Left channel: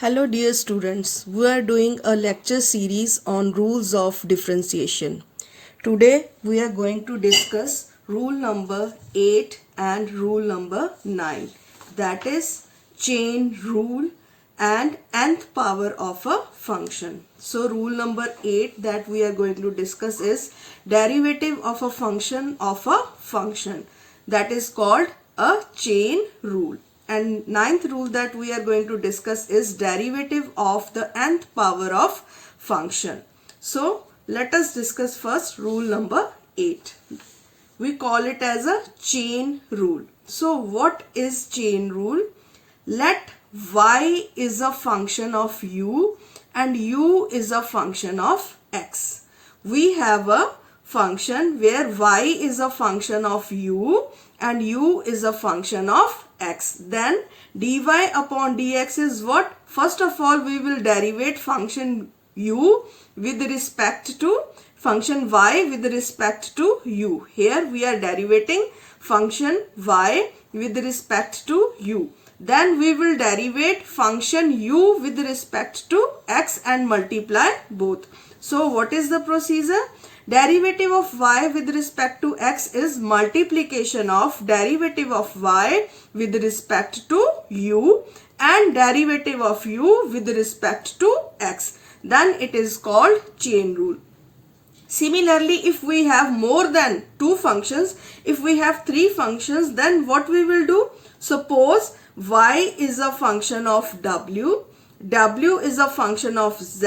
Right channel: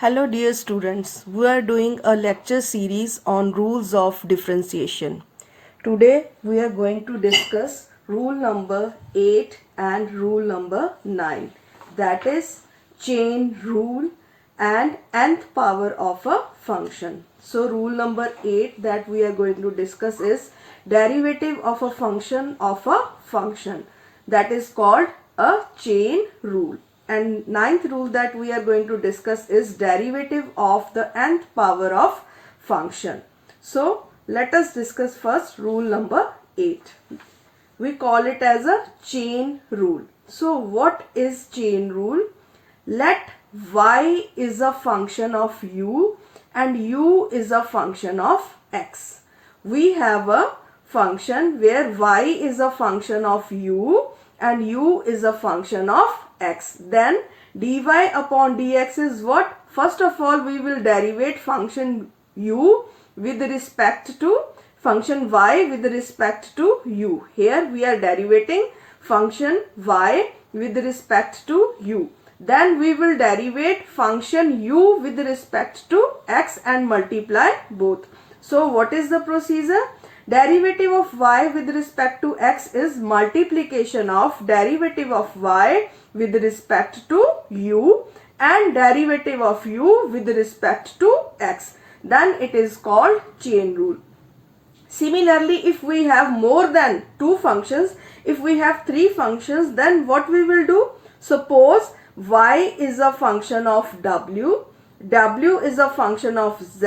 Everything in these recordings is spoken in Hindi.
Hello dear students, we are doing a lecture series on rules of differentiation. Today we are going to discuss rule number 8 and rule number 9, that is chain rule and nth power of a function. So rule number 8 that we are going to discuss is derivative of a function, that is called a chain rule. And ninth rule that we are going to discuss is derivative of the nth power of function. So let us discuss first rule number 8. We call it as a chain rule. So what is chain rule? Let y is a function of u and u is a function of x. We have a function where y is a function of u and u is a function of x. Then dy upon dx is what? First of all, we will derivate function u with respect to function y with respect to u. Here we are derivating function y with respect to u. Then we will derivate function u with respect to x and multiply both. So what is the procedure? Derivative of y with respect to x is multiplication of derivative of y with respect to u and derivative of u with respect to x. Then it is called chain rule. Similarly, if we have more than two functions, if we have three functions, then what we will do? Suppose y is a function of w, w is a function of z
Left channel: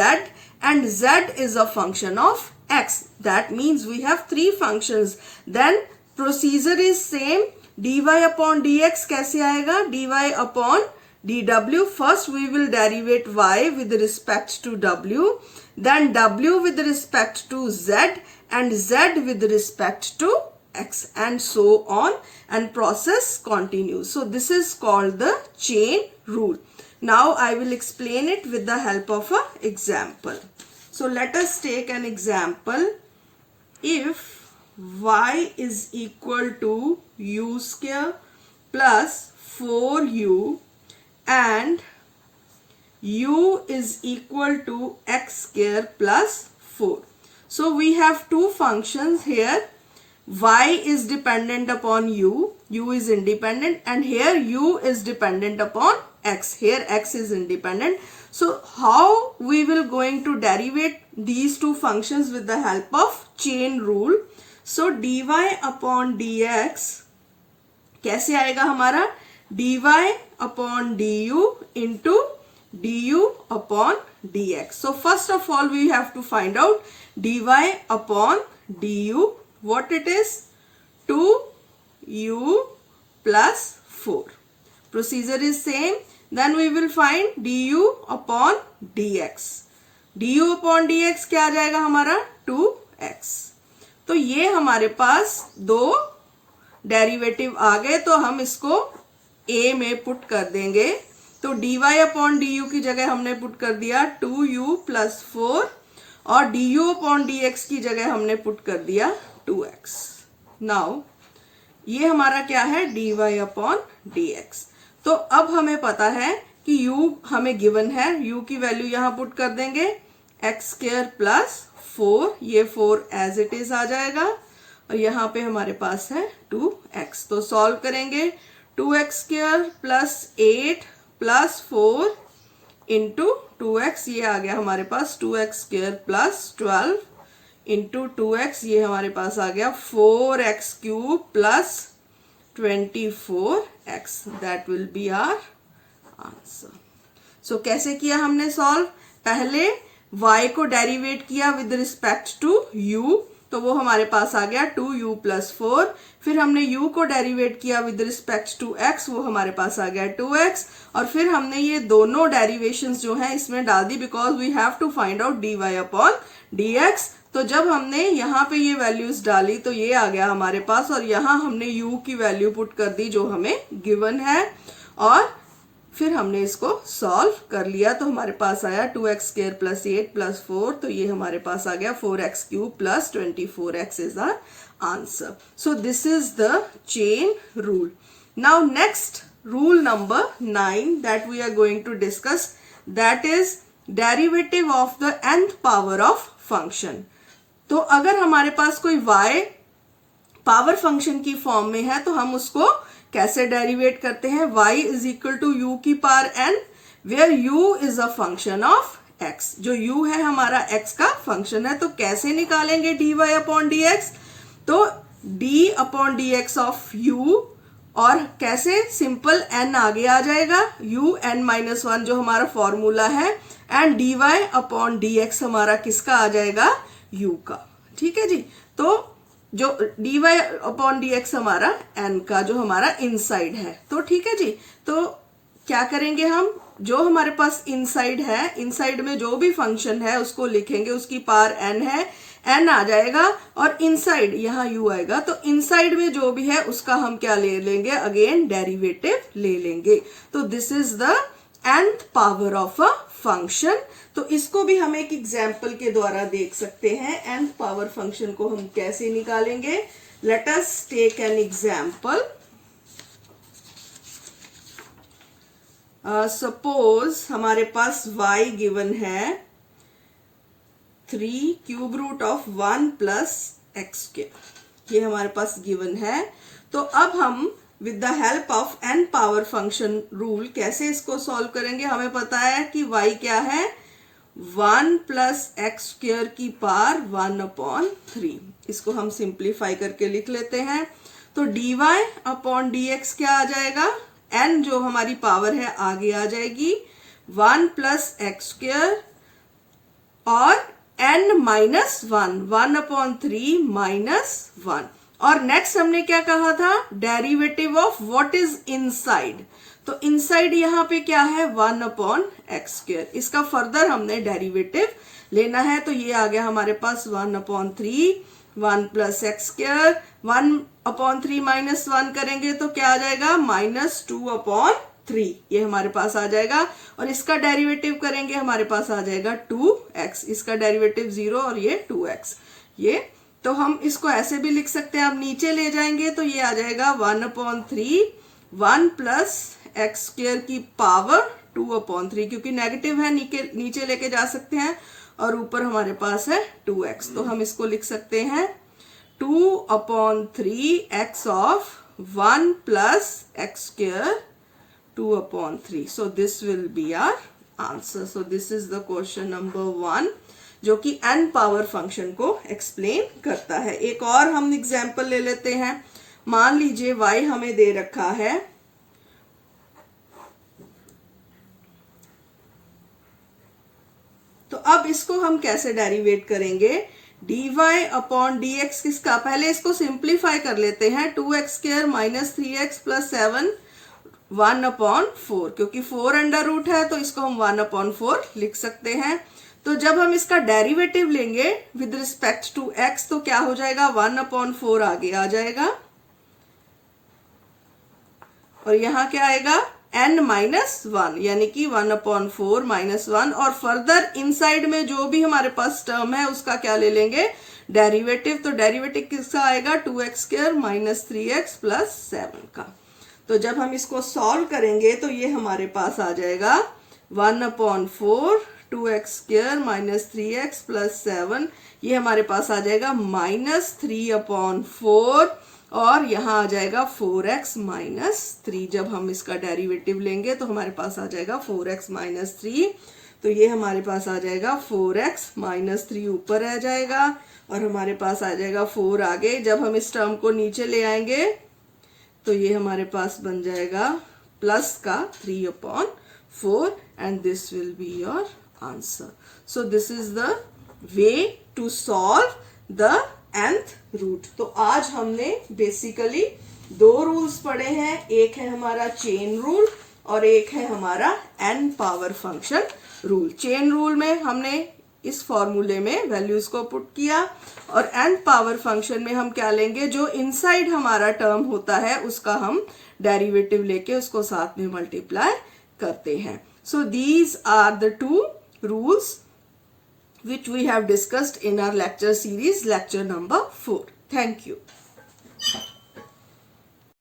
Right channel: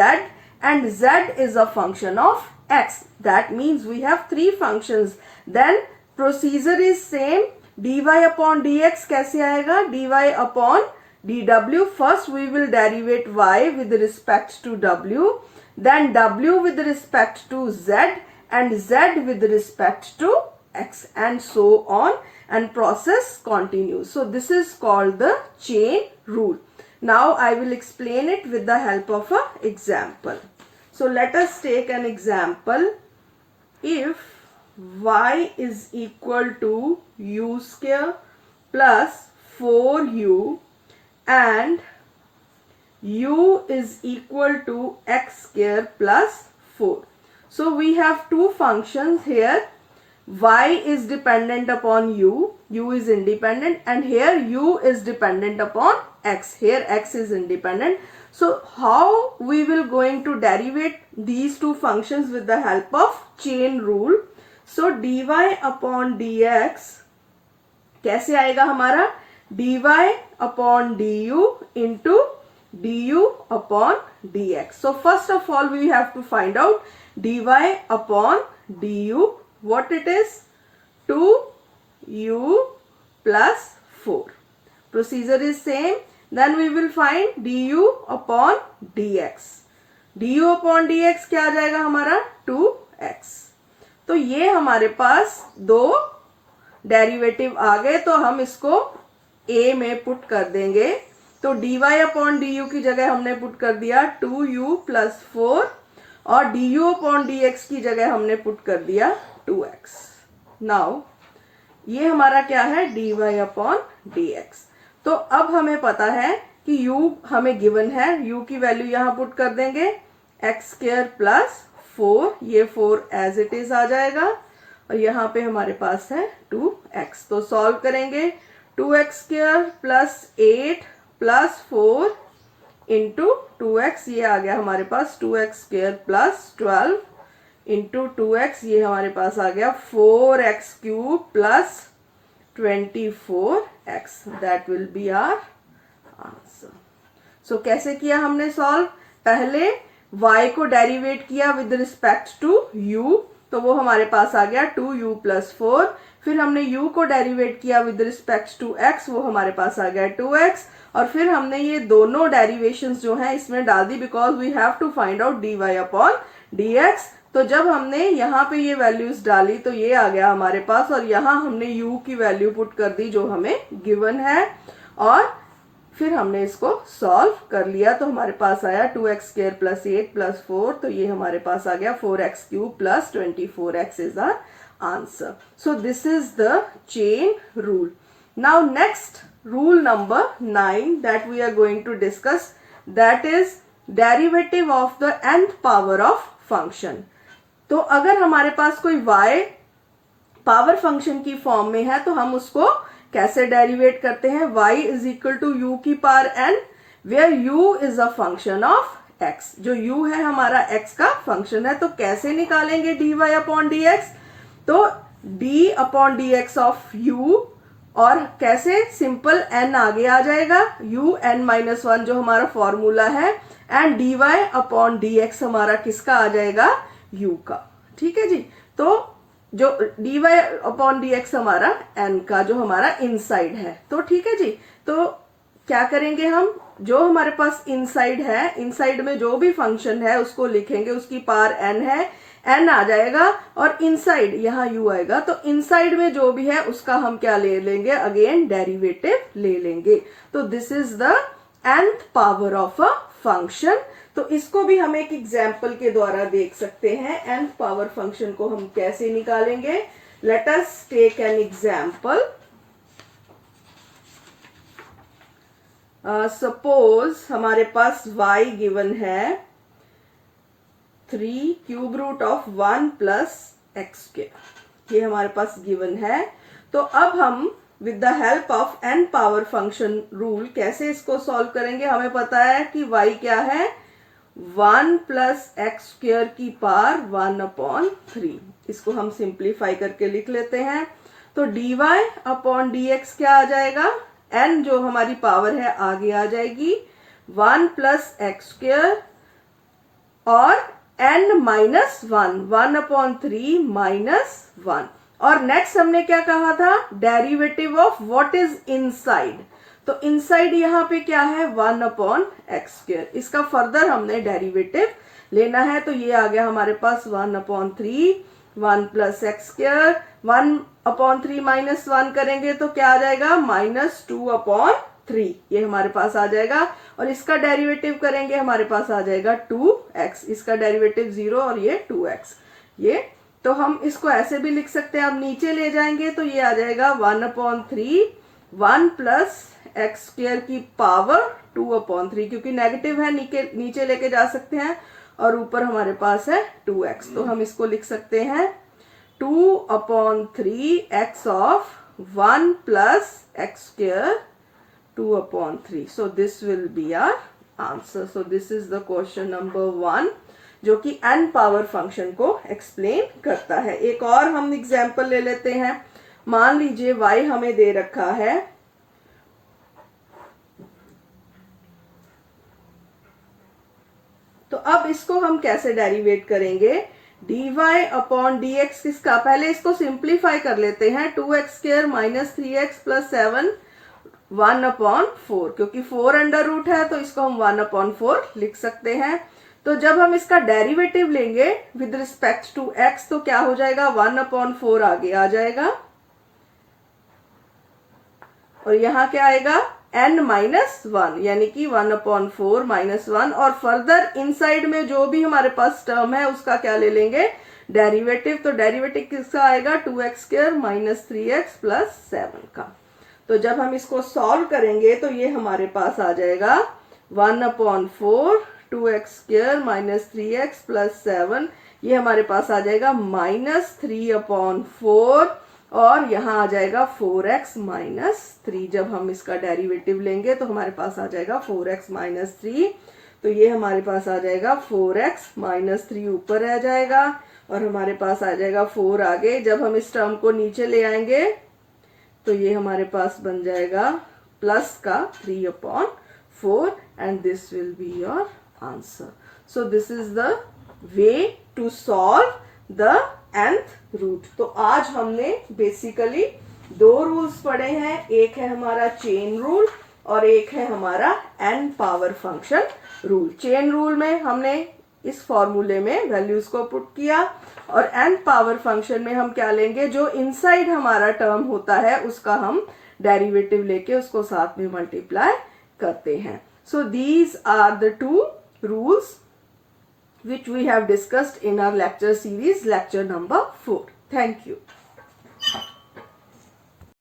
and z is a function of x. That means we have three functions. Then procedure is same. dy upon dx कैसे आएगा? dy upon dw. First we will derivate y with respect to w, then w with respect to z and z with respect to x, and so on, and process continues. So this is called the chain rule. Now I will explain it with the help of an example. So let us take an example. If y is equal to u square plus 4u and u is equal to x square plus 4. So we have two functions here. Y is dependent upon u is independent, and here u is dependent upon x, here x is independent. So how we will going to derivate these two functions with the help of chain rule? So dy upon dx कैसे आएगा हमारा? dy upon du into du upon dx. So first of all we have to find out dy upon du. What it is? 2u plus 4. Procedure is same. Then we will find du upon dx. du upon dx क्या आ जाएगा हमारा? 2x. तो ये हमारे पास दो डेरिवेटिव आ गए, तो हम इसको a में पुट कर देंगे. तो dy अपॉन du की जगह हमने पुट कर दिया 2u plus 4 और du अपॉन dx की जगह हमने पुट कर दिया 2x. नाउ ये हमारा क्या है? dy upon dx. तो अब हमें पता है कि u हमें गिवन है, u की वैल्यू यहाँ पुट कर देंगे x स्क्वायर प्लस 4, ये 4 एज इट इज आ जाएगा और यहाँ पे हमारे पास है 2x. तो सॉल्व करेंगे 2x square plus 8 plus 4 into 2x, ये आ गया हमारे पास 2x square plus 12 into 2x, ये हमारे पास आ गया 4x cube plus 24x. That will be our answer. So कैसे किया हमने सॉल्व? पहले y को डेरिवेट किया विद रिस्पेक्ट टू u, तो वो हमारे पास आ गया 2u प्लस 4. फिर हमने u को डेरिवेट किया विद रिस्पेक्ट टू x, वो हमारे पास आ गया 2x. और फिर हमने ये दोनों डेरिवेशंस जो हैं इसमें डाल दी, because we have to find out dy upon dx. तो जब हमने यहाँ पे ये वैल्यूज डाली तो ये आ गया हमारे पास, और यहाँ हमने u की वैल्यू पुट कर दी जो हमें गिवन है, और फिर हमने इसको सॉल्व कर लिया. तो हमारे पास आया 2x स्क्वायर प्लस 8 प्लस 4, तो ये हमारे पास आ गया 4x cube plus 24x is our answer. So this is the chain rule. Now next rule number 9 that we are going to discuss, that is derivative of the nth power of function. तो अगर हमारे पास कोई y पावर फंक्शन की फॉर्म में है तो हम उसको कैसे डेरिवेट करते हैं, y is equal to u की power n, where u is a function of x। जो u है हमारा x का फंक्शन है, तो कैसे निकालेंगे dy अपॉन dx, तो d upon dx of u, और कैसे, सिंपल n आगे आ जाएगा, u n माइनस वन जो हमारा फॉर्मूला है, एंड dy अपॉन dx हमारा किसका आ जाएगा, u का। ठीक है जी, तो जो dy अपॉन dx हमारा n का जो हमारा इनसाइड है। तो ठीक है जी, तो क्या करेंगे हम, जो हमारे पास इनसाइड है, इनसाइड में जो भी फंक्शन है उसको लिखेंगे, उसकी पावर n है, n आ जाएगा, और इनसाइड यहाँ u आएगा, तो इनसाइड में जो भी है उसका हम क्या ले लेंगे, अगेन डेरिवेटिव ले लेंगे। तो this is the nth power of a function. तो इसको भी हम एक एग्जाम्पल के द्वारा देख सकते हैं, nth पावर फंक्शन को हम कैसे निकालेंगे। Let us take an example. Suppose हमारे पास y गिवन है 3 cube root of 1 plus x square, ये हमारे पास गिवन है। तो अब हम with the help of n power function rule कैसे इसको सॉल्व करेंगे। हमें पता है कि y क्या है, 1 प्लस एक्स स्क्वायर की पावर 1 अपॉन 3। इसको हम सिंप्लीफाई करके लिख लेते हैं। तो dy अपॉन dx क्या आ जाएगा, n जो हमारी पावर है आगे आ जाएगी, 1 प्लस एक्स स्क्वायर, और n माइनस 1 अपॉन 3 माइनस 1। और नेक्स्ट हमने क्या कहा था, derivative of what is inside. तो इनसाइड यहाँ पे क्या है, 1 अपॉन एक्स स्क्वायर। इसका फर्दर हमने डेरिवेटिव लेना है, तो ये आ गया हमारे पास 1 upon 3, 1 plus x square, 1 upon 3 minus 1 करेंगे तो क्या आ जाएगा, माइनस 2 अपॉन 3, ये हमारे पास आ जाएगा। और इसका डेरिवेटिव करेंगे, हमारे पास आ जाएगा 2x, इसका डेरिवेटिव 0 और ये 2x। ये तो हम इसको ऐसे भी लिख सकते हैं, आप नीचे ले जाएंगे तो ये आ जाएगा 1 अपॉन 3, 1 प्लस एक्स स्क्वायर की पावर 2 अपॉन 3, क्योंकि नेगेटिव है नीचे लेके जा सकते हैं, और ऊपर हमारे पास है 2x। तो हम इसको लिख सकते हैं 2 upon 3x of 1 plus x square 2 upon 3. So this will be our answer. So this is the question number 1, जो कि n पावर फंक्शन को एक्सप्लेन करता है। एक और हम एग्जाम्पल ले लेते हैं। मान लीजिए y हमें दे रखा है, तो अब इसको हम कैसे डेरिवेट करेंगे, dy अपॉन dx किसका, पहले इसको सिंप्लीफाई कर लेते हैं, 2x square minus 3x plus 7 1 upon 4, क्योंकि 4 अंडर रूट है तो इसको हम 1 अपॉन 4 लिख सकते हैं। तो जब हम इसका डेरिवेटिव लेंगे विद रिस्पेक्ट टू x तो क्या हो जाएगा, 1 अपॉन 4 आगे आ जाएगा, और यहाँ क्या आएगा, n माइनस 1, यानी कि 1 अपॉन 4 माइनस 1, और फर्दर इनसाइड में जो भी हमारे पास टर्म है उसका क्या ले लेंगे, डेरिवेटिव। तो डेरिवेटिव किसका आएगा, 2x square minus 3x plus 7 का। तो जब हम इसको सॉल्व करेंगे तो ये हमारे पास आ जाएगा 1 upon 4, 2x square minus 3x plus 7, ये हमारे पास आ जाएगा माइनस 3 अपॉन 4, और यहाँ आ जाएगा 4x माइनस 3। जब हम इसका डेरिवेटिव लेंगे तो हमारे पास आ जाएगा 4x माइनस 3, तो ये हमारे पास आ जाएगा 4x माइनस 3 ऊपर आ जाएगा, और हमारे पास आ जाएगा 4 आगे। जब हम इस टर्म को नीचे ले आएंगे तो ये हमारे पास बन जाएगा प्लस का 3 upon 4, and this will be your answer. So this is the way to solve the nth root. तो आज हमने बेसिकली 2 रूल्स पढ़े हैं, एक है हमारा चेन रूल और एक है हमारा n power function rule. Chain rule में हमने इस फॉर्मूले में वैल्यूज को पुट किया, और n पावर फंक्शन में हम क्या लेंगे, जो इनसाइड हमारा टर्म होता है उसका हम डेरिवेटिव लेके उसको साथ में मल्टीप्लाई करते हैं। So these are the 2 rules which we have discussed in our lecture series, lecture number 4. Thank you.